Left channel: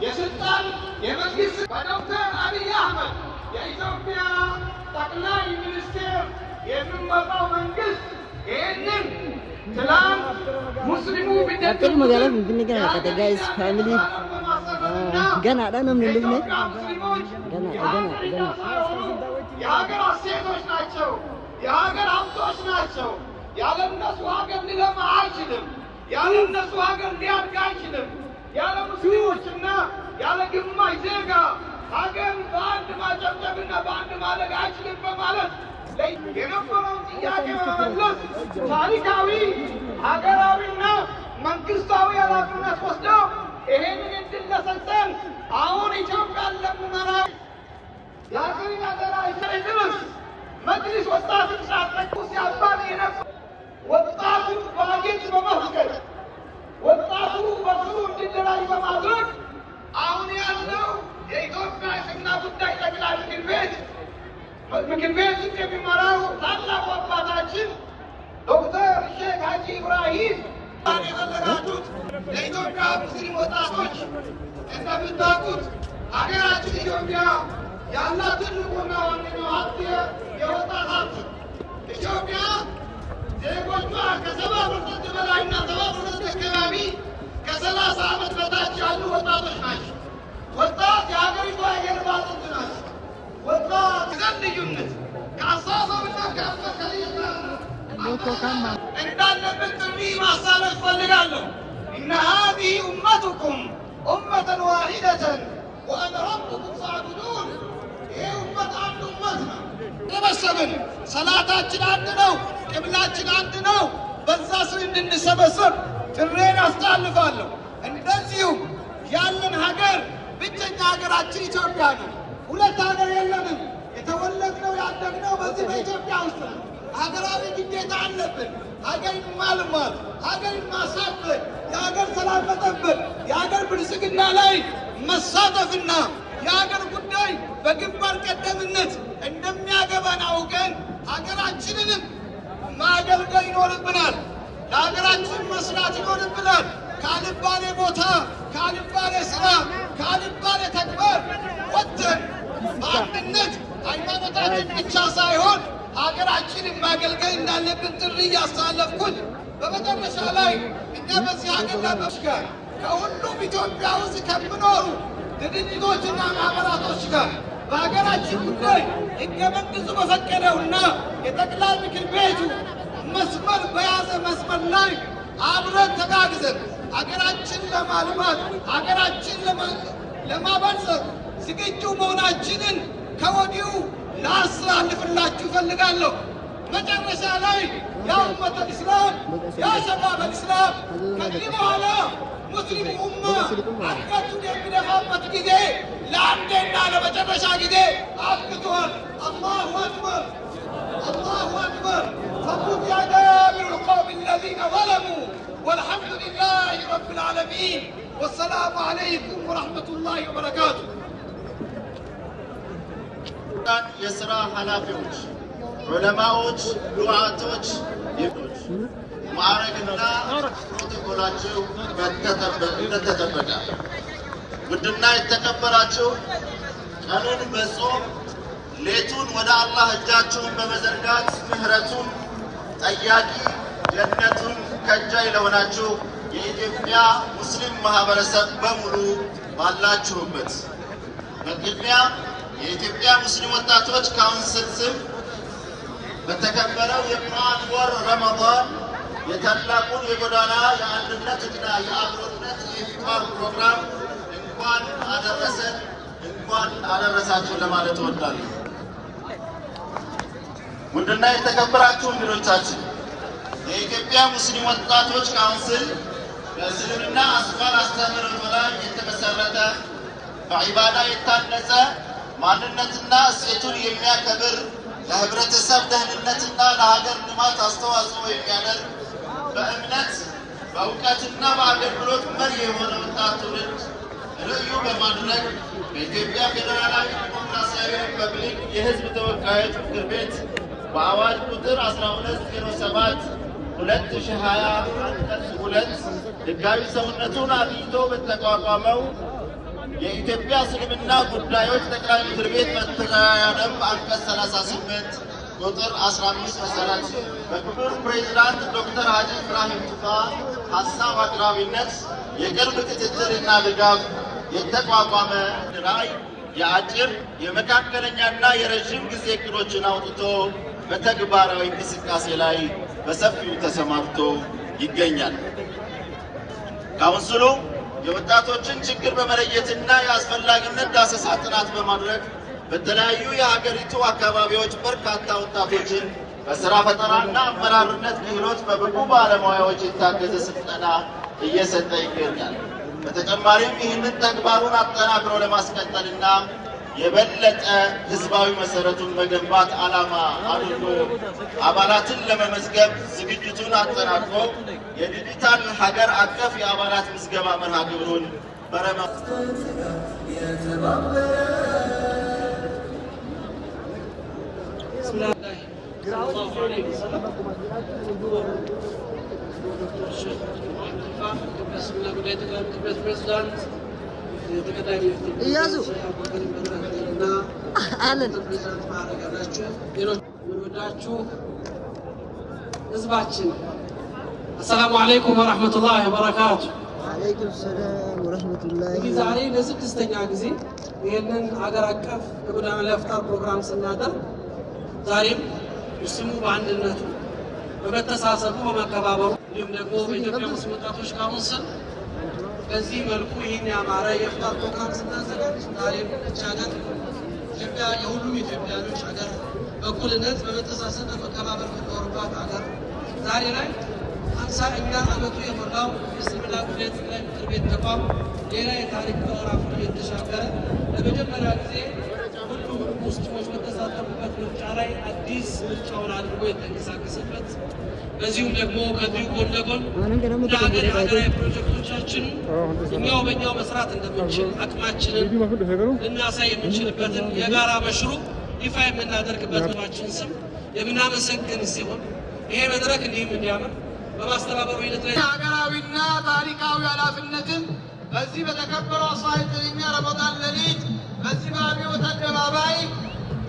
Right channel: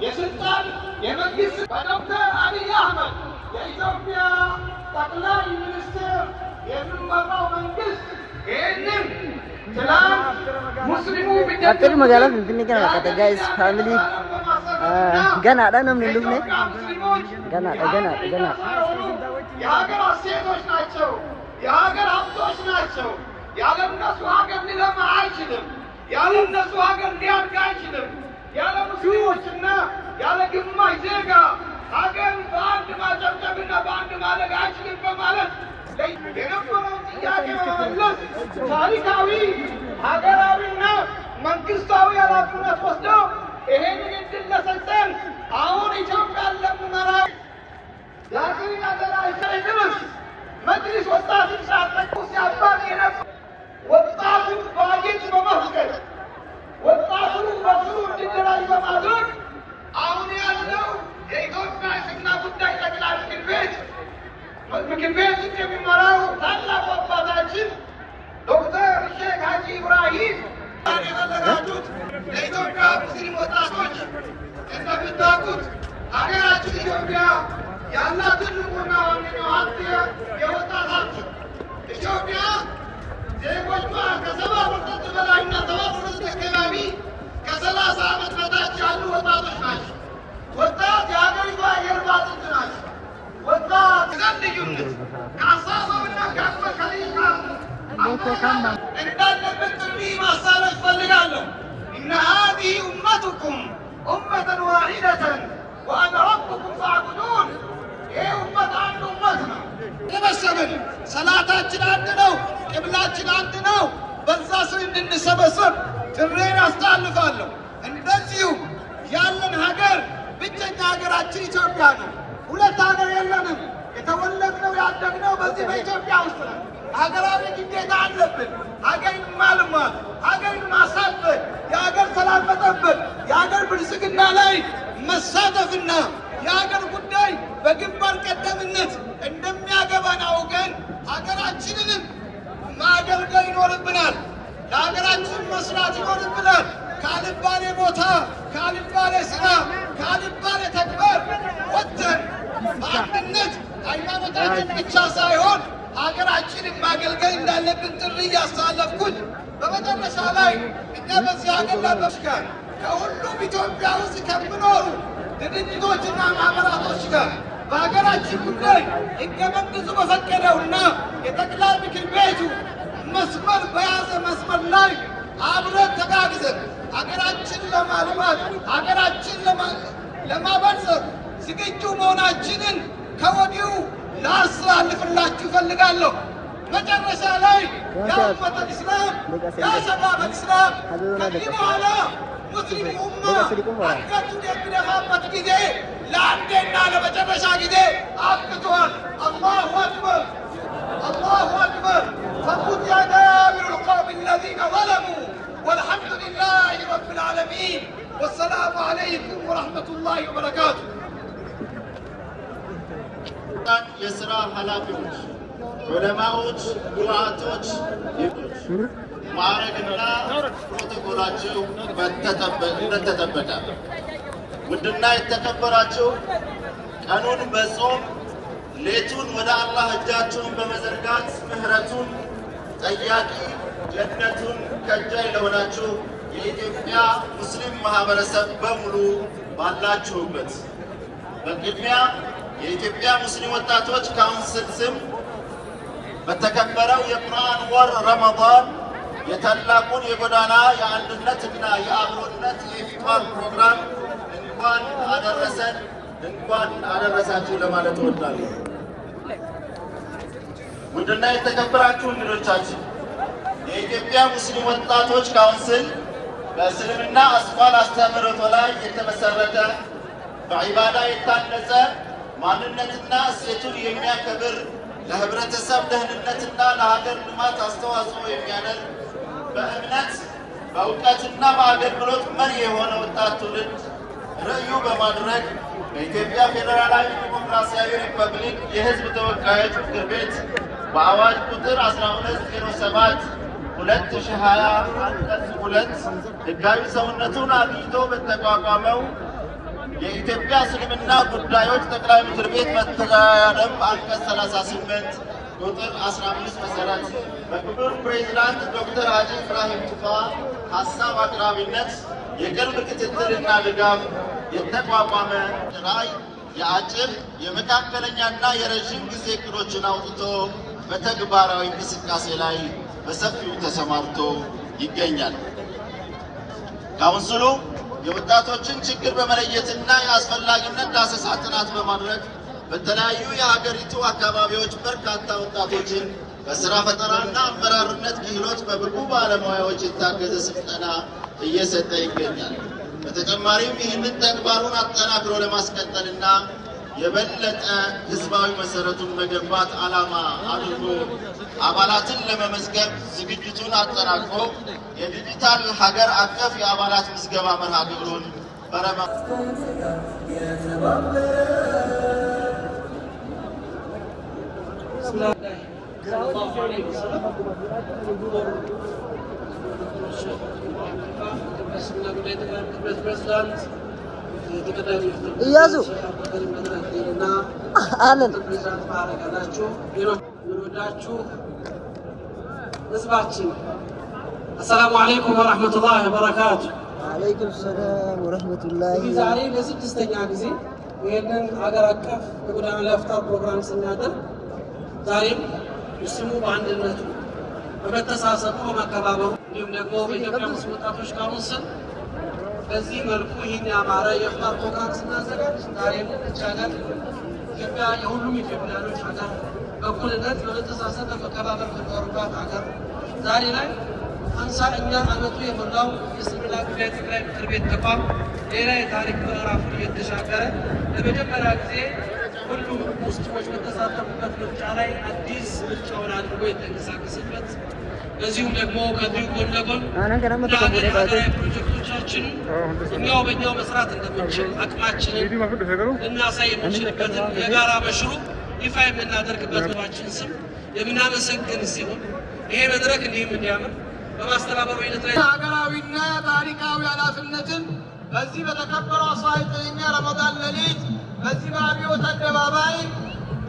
የስልጣን የመንግስት በዶክተር አብይ አህመድ የኢትዮጵያ ጠቅላይ ሚኒስትር የሚመራው መንግስት ይህንን ትላንት ሙስሊሙ አጥር መጋላ እንትን ገና ከጋይስ ፋሚሊ ገና አዳንም ንሉም ነው ገና የሀገር እሴቶች ናቸው፣ የሀገር ሀብቶች ናቸው። ያለ እነሱ ሀገር ሊለማ አይችልም። ያለ እነሱ ሀገር ሊያድግ አይችልም። ያለ ሙስሊሞችና ያለ ግማሽ ዜጋ ሀገር በአንድ ማጨብጨብና በአንድ ማደግ አይችልም በማለት የነበረውን ጥያቄ በመመለስ ታሪካዊ ሀገራዊና መንግስታዊ ኃላፊነት ወስደው ይሄንን እድል ለሰጠን አሁን ኢትዮጵያን ለምንመራ የሀገርን አደራ ድረስ መጅሊስ ወጣትን ሳጠቁ ሲያባል የነበር ወጣቱን ባጌጥ በመፍቀድ ወጣቱ በስሩ እንዲደራጅ በማድረግ አሁን ያለው የኢትዮጵያ እስልምና ጉዳይ ጠቅላይ ምክር ቤት የሚመራው ታላቁ አባታችን ዶክተር ሼክ ሀጂ ኢብራሂም የተዘጋጁት ለኢትዮጵያ ሙስሊም ወጣቶች እንደምታውቁት ሀገራችን ኢትዮጵያ ያላት ትልቁና ዋነኛው ሀብት የወጣት ሀብት ኢትዮጵያ ዜጎቿ ከ70% በላይና 70% አካባቢ ከ30 ዓመት በታች ያሉ ወጣቶች ናቸው። ወጣት የሀገሪቷ የጀርባ አጥንት ናቸው። ወጣት ዘንድ ልዩነት ከአስተሳሰብና ከአመለካከት እንዳለበት ጥሪ ማሳለፍ ፈልጋለሁ። ኢነ ሃዚሂ ኡመቱኩም ኡመተን ዋሂደተን ወአነ ረቡኩም ፈዕቡዱን። ይህ ኡመት አንድ ኡመት ነው። ተሰበሰብን፣ ሰላታችን አንድ ነው፣ ቅብላችን አንድ ነው። በዛ ስር እንድንሰበሰብ ጥሬን አስተላልፋለሁ። እንደዚሁ ያለን ሀገር ብቸኛ ሀገራችን ኢትዮጵያ ነው። ሁለት ሀገር የለንም። የተወለድነው ያደግነው በዚህ በኢትዮጵያ ውስጥ ነው። ሀገራዊ ግዴታ አለብን። ሀገርን ማልማት፣ ሀገርን ማሳደግ፣ የሀገር ሰላም መጠበቅ፣ የሀገር ብልጽግና ላይ መሳተፍና የሀገር ጉዳይ በግንባር ቀደምነት እንደሚያገባን አውቀን ሀገራችንንም ማገልገል ይኖርብናል። ለሀገራችን መስራት ይኖርብናል። ካልባሌ ቦታ፣ ካልባሌ ስራ፣ ካልባሌ ተግባር ወጥተን በአንድነት ሃይማኖታችን ብቻ ሳይሆን ሀገራችንን ማገልገል እንዳለብን ጥሪ እያስተላለፍኩኝ በመጨረሻ ላይ እኛ በዚህ ሀገር ላበሽጋር ከሁሉም ኢትዮጵያ ውስጥ ከምኖሩ ድርጅቶችና ማህበራቶች ጋር በሀገራችን ጉዳይ ሕገ መንግሥቱ በፈቀደውና የጠቅላይ ምክር ቤቱ መስመር በያዘ መስመር ላይ አብረን ተጋግዘን ሀገራችን ለማልማት ሀገራችን ለማበልጸግ ዝግጁ መሆናችንን ከወዲሁ ላስተላልፍላችሁ እፈልጋለሁ። መጨረሻ ላይ ያ ኡመተል ኢስላም ያ ሸባበል ኢስላም ከዚህ በኋላ ሙስሊም ኡማ አንገቱን የሚደፋበት ጊዜ ለአንዴና ለመጨረሻ ጊዜ አብቅቷል። አላሁ አክበር አላሁ አክበር ፈቁድ ያ ዳቢሩ ልቀውም አለዚነ ዘለሙ ወልሐምዱ ሊላሂ ረቢል ዓለሚን ወሰላሙ ዓለይኩም ወረሕመቱላሂ ወበረካቱ። የሥራ ኃላፊዎች፣ ዑለማዎች፣ ዱዓቶች ማዕረግና ፕሮቶኮላቸው እንደተጠበቀ ውድና የተከበራችሁ ቀኑን በጾም ሌቱን ወደ አላህ እጃችሁን በመዘርጋት ምህረቱን ጠያቂ ጀነቱን ከጃይ ለሆናችሁ የኢትዮጵያ ሙስሊም ማህበረሰብ በሙሉ ባላችሁበት በቅድሚያ የኢትዮጵያ ሙስሊም ወጣቶች ካውንስል ስም በተከበረው የቁርአን ወር ረመዳን የታላቁን የጎዳና የአንድነትና የአብሮነት የኢፍጣር ፕሮግራም እንኳን አደረሰን እንኳን አደረሳችሁ ለማለት እወዳለሁ። ውድና የተከበራችሁ እንግዶቻችን የኢትዮጵያ ሙስሊም ወጣቶች ካውንስል በእስልምና አስኳል አስተምህሮት ላይ የተመሰረተ በዒባዳ የታነጸ ማንነትና እሴቱን የሚያከብር ለህብረተሰብ ደህንነትና ለሀገር ልማት አስተዋጽኦ የሚያደርግ በእምነት በእውቀትና በአገልግሎት መሪ የሆነ ወጣት ትውልድ ርዕዩ በማድረግ በኢትዮጵያ ፌዴራላዊ ዲሞክራሲያዊ ሪፐብሊክ የህዝብ ተወካዮች ምክር ቤት በአዋጅ ቁጥር 1207 2020 አንቀጽ 2 ህጋዊ ሰውነቱን አግኝቶ በተቋቋመው የኢትዮጵያ እስልምና ጉዳዮች ጠቅላይ ምክር ቤት መተዳደሪያ ደንብ አንቀጽ 38 ቁጥር 15 መሰረት በክቡር ፕሬዝዳንት ዶክተር ሀጂ ኢብራሂም ቱፋ ሀሳብ አቅራቢነት የቅርብ ክትትልና ድጋፍ የተቋቋመ ራዕይ የአጭር የመካከለኛና የረዥም ጊዜ እቅዶችን አውጥቶ በተግባራዊ እንቅስቃሴ ላይ በሰፊው ተሰማርቶ ይገኛል። ካውንስሉ የወጣቶችን ችግር በመለየትና የአስፈላጊነት ዳሰሳ ጥናት በማድረግ በተለያዩ የሀገሪቱ አካባቢዎች በርካታ ወጣቶችን በስራ ፈጠራና አመራርነት ክህሎት በብቁ ባለሙያዎች የታገዘ ስልጠና እየሰጠ ይገኛል። በተጨማሪም ይህንን ተግባሩን አጠናክሮ ለማስቀጠልና የበለጠ ህዝባዊ መሰረቱን መገንባት ዓላማ አድርጎ አባላትን ለመመዝገብ ዝግጅቱን አጠናቅቆ የዲጂታል ሀገር አቀፍ የአባላት ምዝገባ መርሃ ግብሩን እያዙ አለን ህዝባችን አሰላሙ አለይኩም ወራህመቱላሂ ወበረካቱ። ወአለይኩም ሰላም ወራህመቱላሂ። ዛሬ ለስድስተኛ ጊዜ ይህንን ሀገር አቀፍ የጎዳና ላይ ኢፍጣር ፕሮግራም ስናደርግ ዛሬም ሙስሊሙ በአንድነቱ በመተሳሰቡ በመከባበሩ እንዲሁም ደግሞ በኢትዮጵያ ሙስሊም ወጣቶች ካውንስል በዚህ መልኩ ይህን ያማረ የኢፍጣር ፕሮግራም ስናዘጋጅ ዛሬም ብቻ ሀገር ኢትዮጵያ የሁሉም ኢትዮጵያኖች ሀገር በእኩልነት በመተሳሰብ በመከባበር የሚኖሩባት ሀገር ዛሬ ላይ 50ኛ ዓመቱ የሞላው የእስልምና ጉዳይ ጠቅላይ ምክር ቤት ተቋም ሌላ የታሪክ ምዕራፉን እየተሻገረ ለመጀመሪያ ጊዜ ሁሉም ሙስሊሞች በተሳተፉበት ምርጫ ላይ አዲስ ምርጫውን አድርጎ የተንቀሳቀሰበት በዚሁም ደግሞ ከዚሁ ጎን ለጎን ለሀገር ሀገራዊ ፕሮጀክቶቻችን እኛው በእኛው መስራት እንደምንችል አቅማችንን ልናሳይ የምንችልበትን የጋራ መሽሩ ይፋ የምናደርግበት ባችን ስም የምናመሰግን ሲሆን ይሄ መድረክ እንዲህም እንዲያምር በማስተባበሩ ሂደት ላይ ሀገራዊና ታሪካዊ ኃላፊነትን በዚህ በተከበረው 19ኛ ረመዳን ሌሊት በዚህ በአብዮት አደባባይ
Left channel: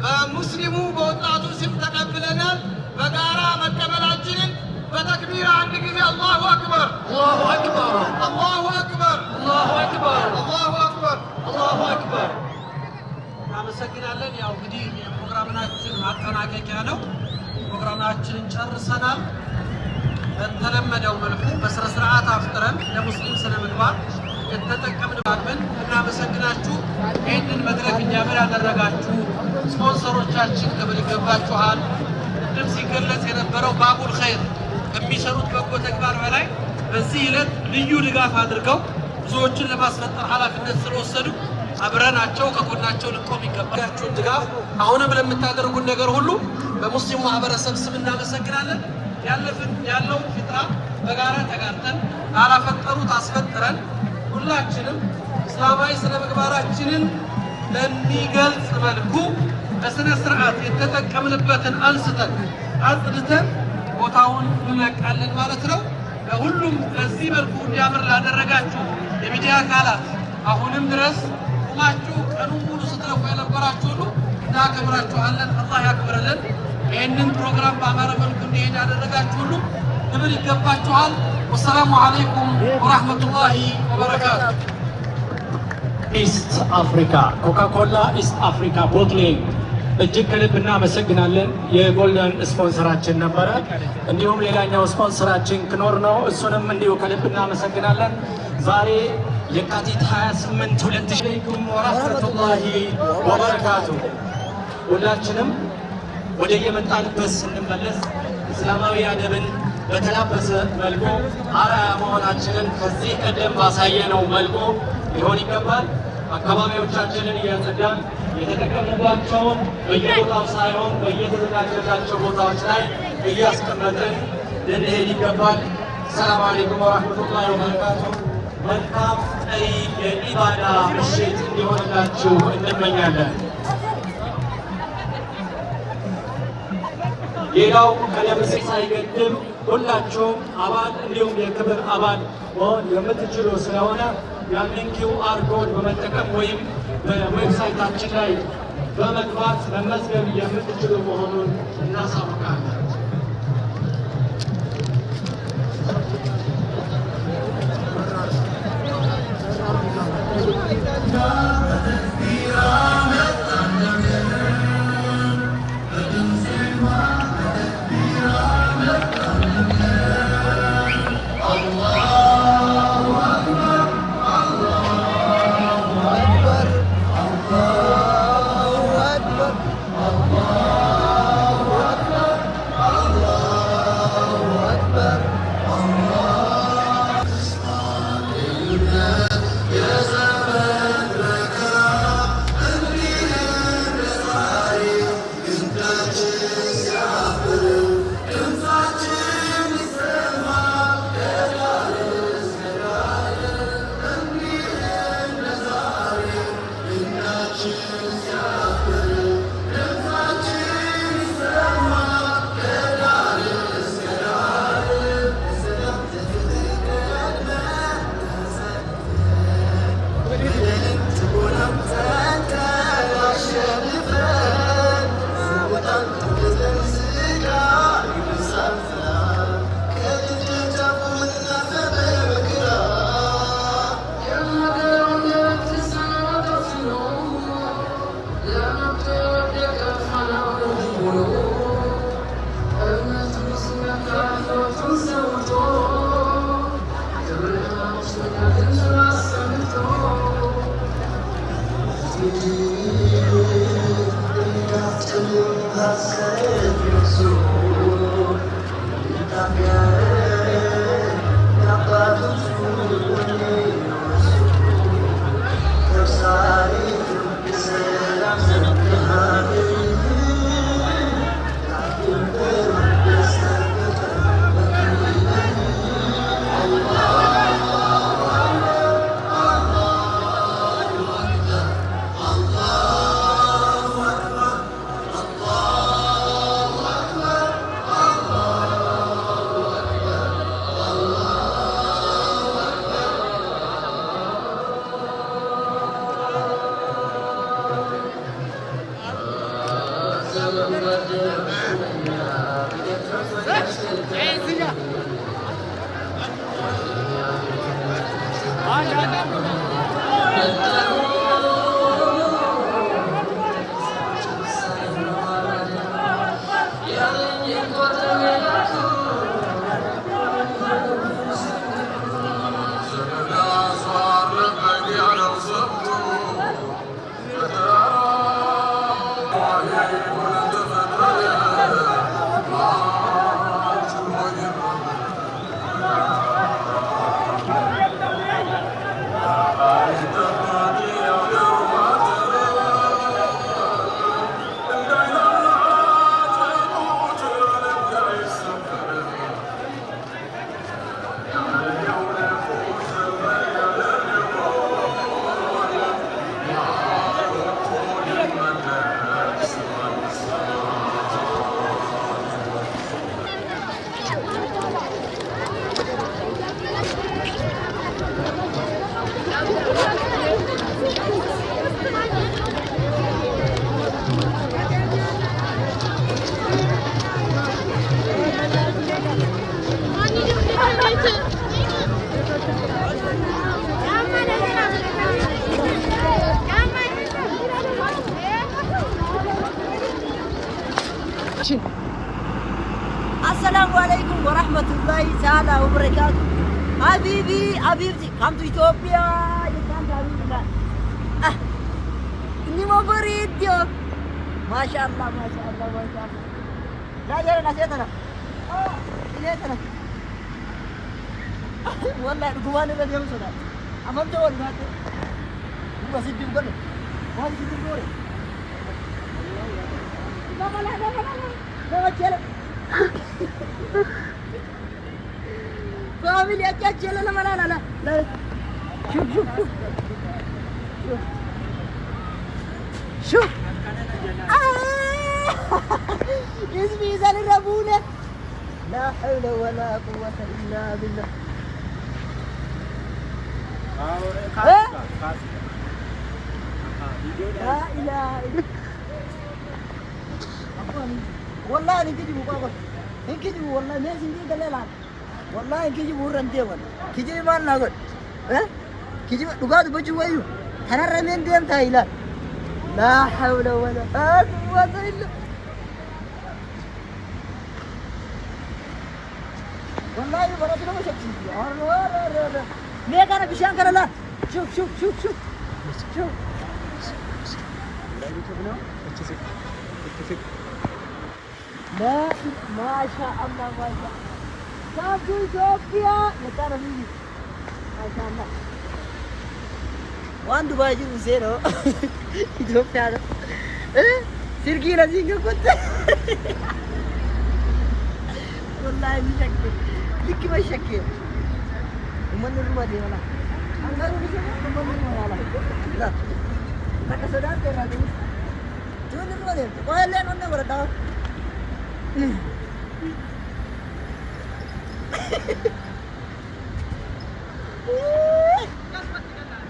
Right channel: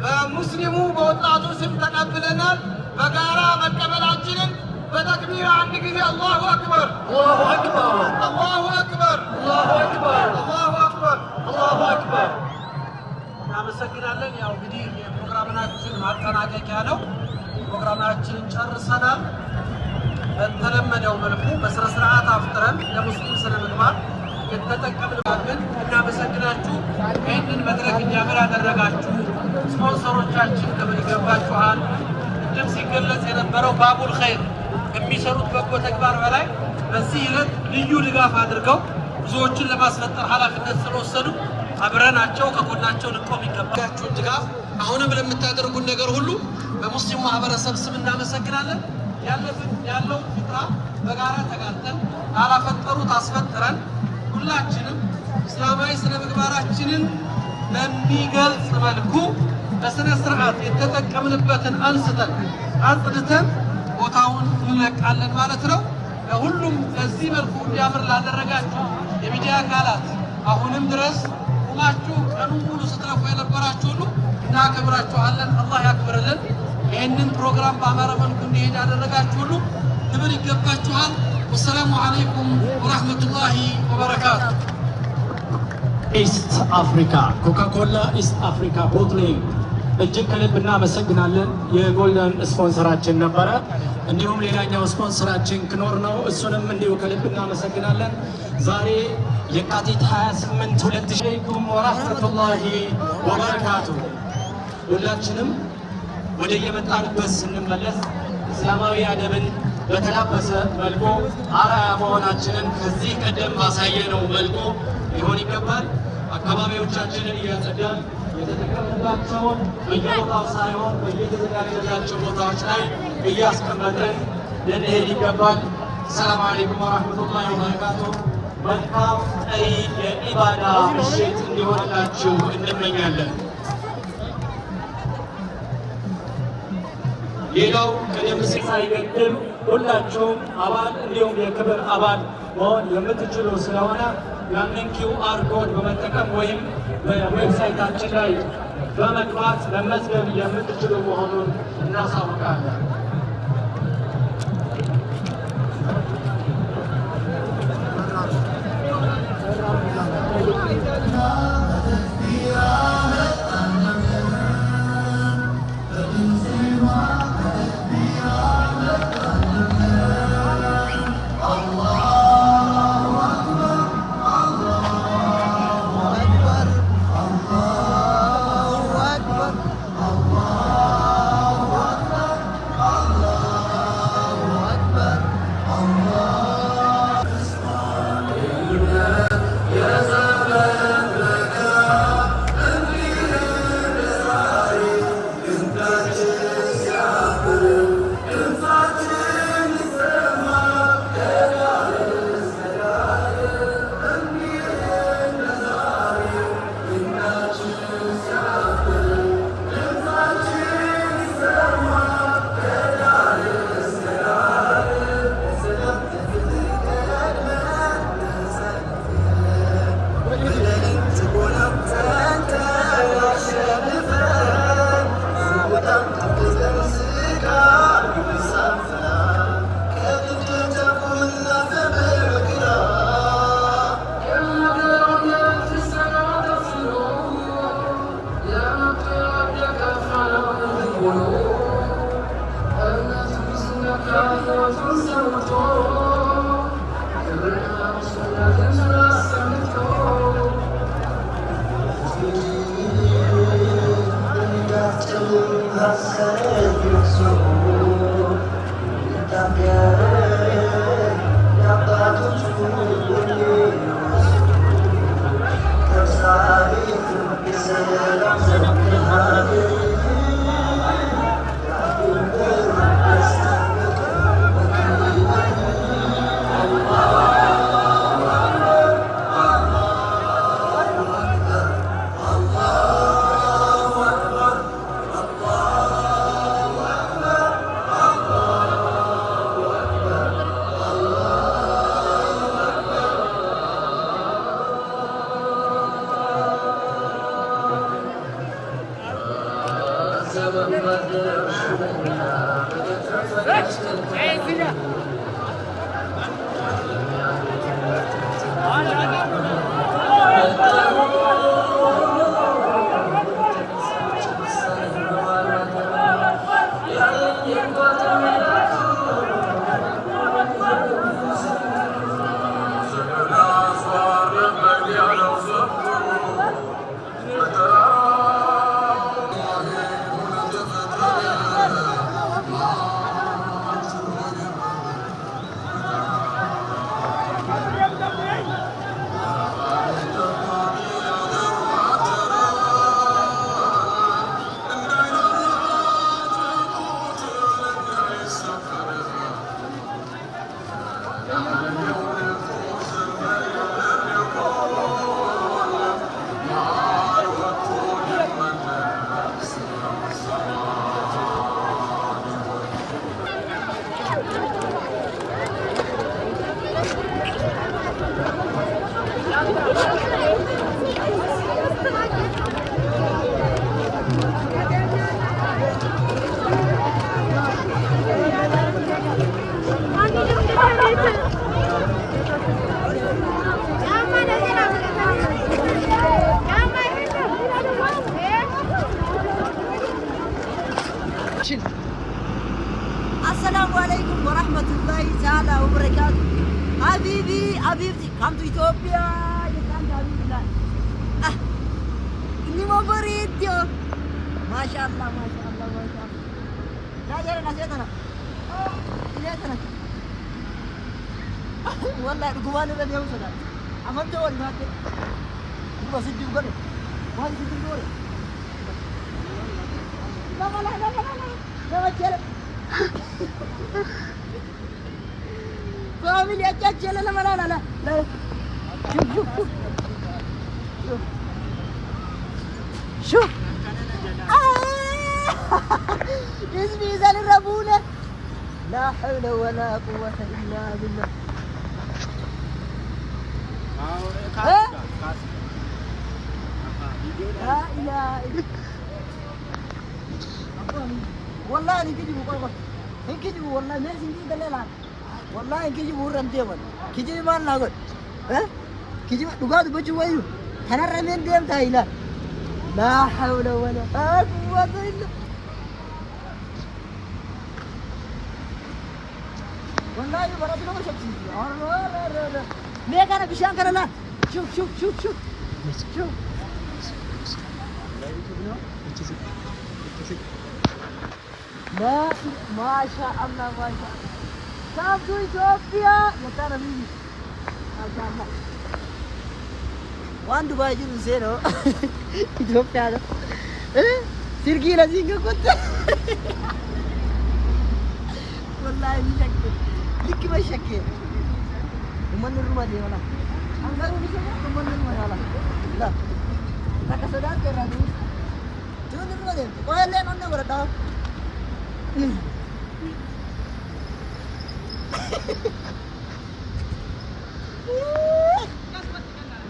በሙስሊሙ በወጣቱ ስም ተቀብለናል። በጋራ መቀበላችንን በተክቢር አንድ ጊዜ አላሁ አክበር አላሁ አክበር አላሁ አክበር አላሁ አክበር አላሁ አክበር አላሁ አክበር። እናመሰግናለን። ያው እንግዲህ የፕሮግራማችን ማጠናቀቂያ ነው። ፕሮግራማችንን ጨርሰናል። በተለመደው መልኩ በስነ ስርዓት አፍጥረን ለሙስሊም ስነ ምግባር የተጠቀምንባትን እናመሰግናችሁ። ይህንን መድረክ እንዲያምር ያደረጋችሁ ስፖንሰሮቻችን ክብር ይገባችኋል። ቅድም ሲገለጽ የነበረው ባቡል ኸይር ከሚሰሩት በጎ ተግባር በላይ በዚህ ዕለት ልዩ ድጋፍ አድርገው ብዙዎችን ለማስፈጠር ኃላፊነት ስለወሰዱ አብረናቸው ከጎናቸው ልቆም ይገባል። ድጋፍ አሁንም ለምታደርጉት ነገር ሁሉ በሙስሊሙ ማህበረሰብ ስም እናመሰግናለን። ያለው ፍጣ በጋራ ተጋርተን ካላፈጠሩት አስፈጥረን ሁላችንም እስላማዊ ስነ ምግባራችንን በሚገልጽ መልኩ በስነ ስርዓት የተጠቀምንበትን አንስተን አጽድተን ቦታውን እንለቃለን ማለት ነው። ሁሉም በዚህ መልኩ እንዲያምር ላደረጋችሁ የሚዲያ አካላት አሁንም ድረስ ቁማችሁ ቀኑን ሙሉ ስትለፉ የነበራችሁ ሁሉ እናከብራችኋለን። አላህ ያክብርልን። ይህንን ፕሮግራም በአማረ መልኩ እንዲሄድ ያደረጋችሁ ሁሉ ክብር ይገባችኋል። ወሰላሙ አለይኩም ወራህመቱላሂ ወበረካቱ። ኢስት አፍሪካ ኮካኮላ ኢስት አፍሪካ ቦትሊንግ እጅግ ከልብ እናመሰግናለን። የጎልደን ስፖንሰራችን ነበረ። እንዲሁም ሌላኛው ስፖንሰራችን ክኖር ነው። እሱንም እንዲሁ ከልብ እናመሰግናለን። ዛሬ የካቲት 28 2000 ወራህመቱላሂ ወበረካቱ። ሁላችንም ወደ የመጣንበት ስንመለስ እስላማዊ አደብን በተላበሰ መልኩ አርአያ መሆናችንን ከዚህ ቀደም ባሳየነው መልኩ ሊሆን ይገባል። አካባቢዎቻችንን እያጸዳን የተጠቀምባቸውን በየቦታው ሳይሆን በየተዘጋጀላቸው ቦታዎች ላይ እያስቀመጥን ልንሄድ ይገባል። ሰላም አለይኩም ወራህመቱላሂ ወበረካቱ። መልካም ቀይ የኢባዳ ምሽት እንዲሆንላችሁ እንመኛለን። ሌላው ቀደም ሲል ሳይገድም ሁላችሁም አባል እንዲሁም የክብር አባል መሆን የምትችሉ ስለሆነ ያንን QR ኮድ በመጠቀም ወይም በዌብሳይታችን ላይ በመግባት መመዝገብ የምትችሉ መሆኑን እናሳውቃለን። السلام عليكم ورحمة الله تعالى وبركاته. حبيبي حبيبتي come to Ethiopia. You can't حبيبي كان. إني ما بريد يا. ما شاء الله ما شاء الله ما شاء الله. لا جرى نسيتنا. نسيتنا. والله الجوال اللي اليوم صدق. أمام جوال ما تي. بس يجيب قلنا. ما يجيب قلنا. لا لا لا لا لا لا جرى. فاميلي أجل لا لا لا لا لا شوف شوف شوف شوف اسمي زال الربولة لا حول ولا قوة إلا بالله لا إله إلا والله إنك تجيبوا بابا إنك تجيبوا والله ما سندي دليلان والله إنك تجيبوا رندي ولا كجيب ما نقول ها كجيب دقات بجوا أنا رمين ديم تايلا لا حول ولا قوة إلا والله برضه ما شفتي أره ما كان بيشان كان لا شوف لا ما شاء الله ما شاء شافتوا إثيوبيا يا ترى مين ما شاء الله وان دبي جيرو زيرو إثيوبيا هذا سيركي لازم كنت والله مشكل لك ما شكل ومن الرما دي ولا أنغارو نسمع ومن الرما ولا لا فكسدان كرا دي جون الرما دي ولا نون ولا دا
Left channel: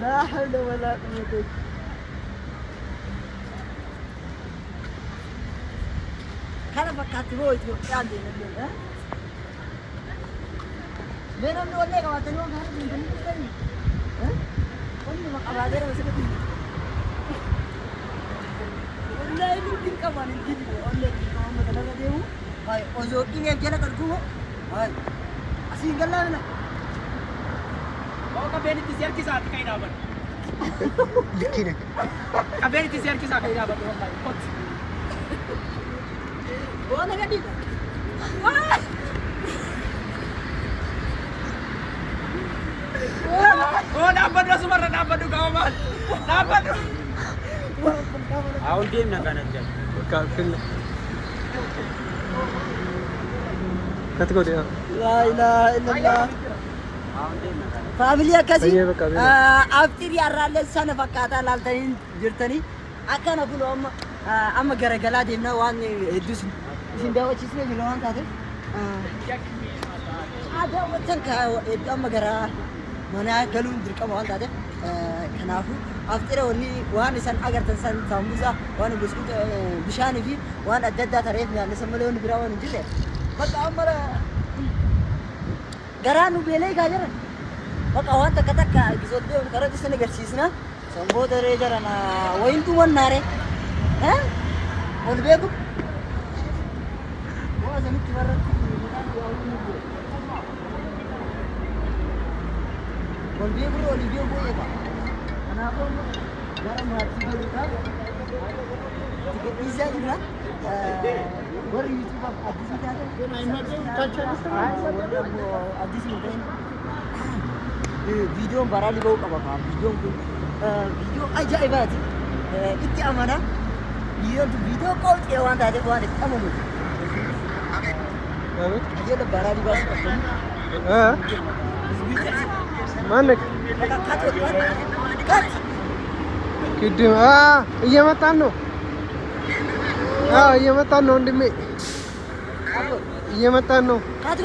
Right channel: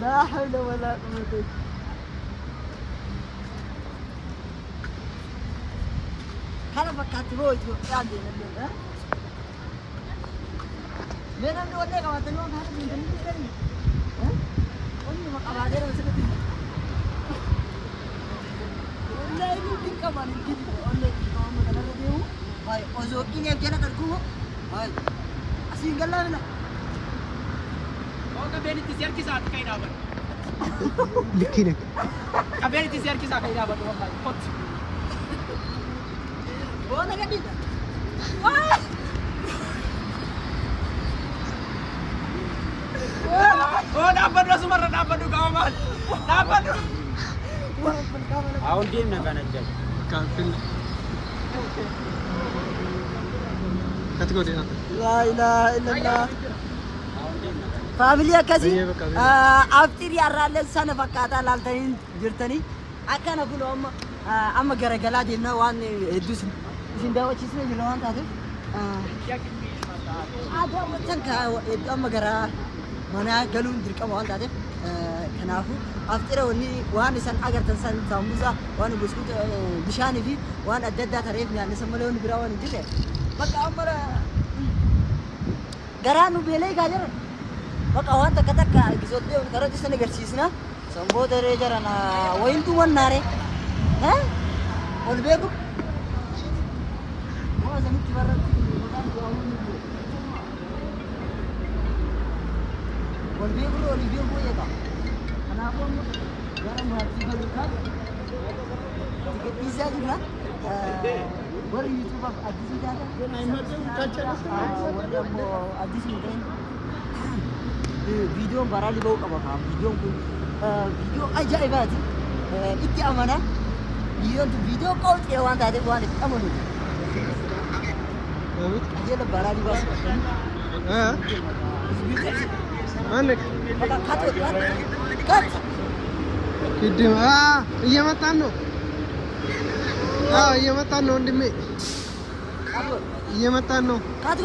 لا حول ولا قوة كان فكرت بوي عندي نبي ها بينا من ولا كمان تنوم هذا من جنبي ها وين ما قبادر مسكتي ولا يمكن كمان يجي ولا كمان ما كنا نديو هاي أزوجي نيم كنا كركوه هاي أسير قال لا Kau kabel itu siar kisah kain apa? Likin. Kabel itu siar kisah kain apa? Kot. Bawa nak di. Oh, dapat dah semua, dapat tu kawan. Dapat tu. Awal game nak kan ada. Kalpin. Kata kau dia. La ilaha illallah. فاميليا كذي أفتري يارالله سنة فكاتا لالتين جرتني أكان أقول أما جرجلا دينا وان يدوس جنبه وتشيسنا جلوان تادي هذا وتن كا أما جرا منا قالون درك أما وان تادي كنافو أفتري وني وان إنسان أجر تنسان سامبوسا وان بسكوت بشاني في وان أجداد تعرفني أنا سملون براوان جدّة بس أمرا جرانو بيلي كاجر بقى وانت كتك ايبيزود دي ترى دي سنه غرسيسنا سمبو دريجرنا وين تو وناري ها ول بيبو هو زمي تبرك ول بيبو يدا انا اقول جرى ما تيجي تيجي زاغنا ور يوتيوب اديس جاتا اديس مين فيديو برالي بوك أبغى فيديو أجايبات إتي أمانة فيديو كول كيوان تادي كوان أمانو أجل برالي باس Manek. Cut. Kidim iya matano. Iya matano ndimi. Iya matano. Cut.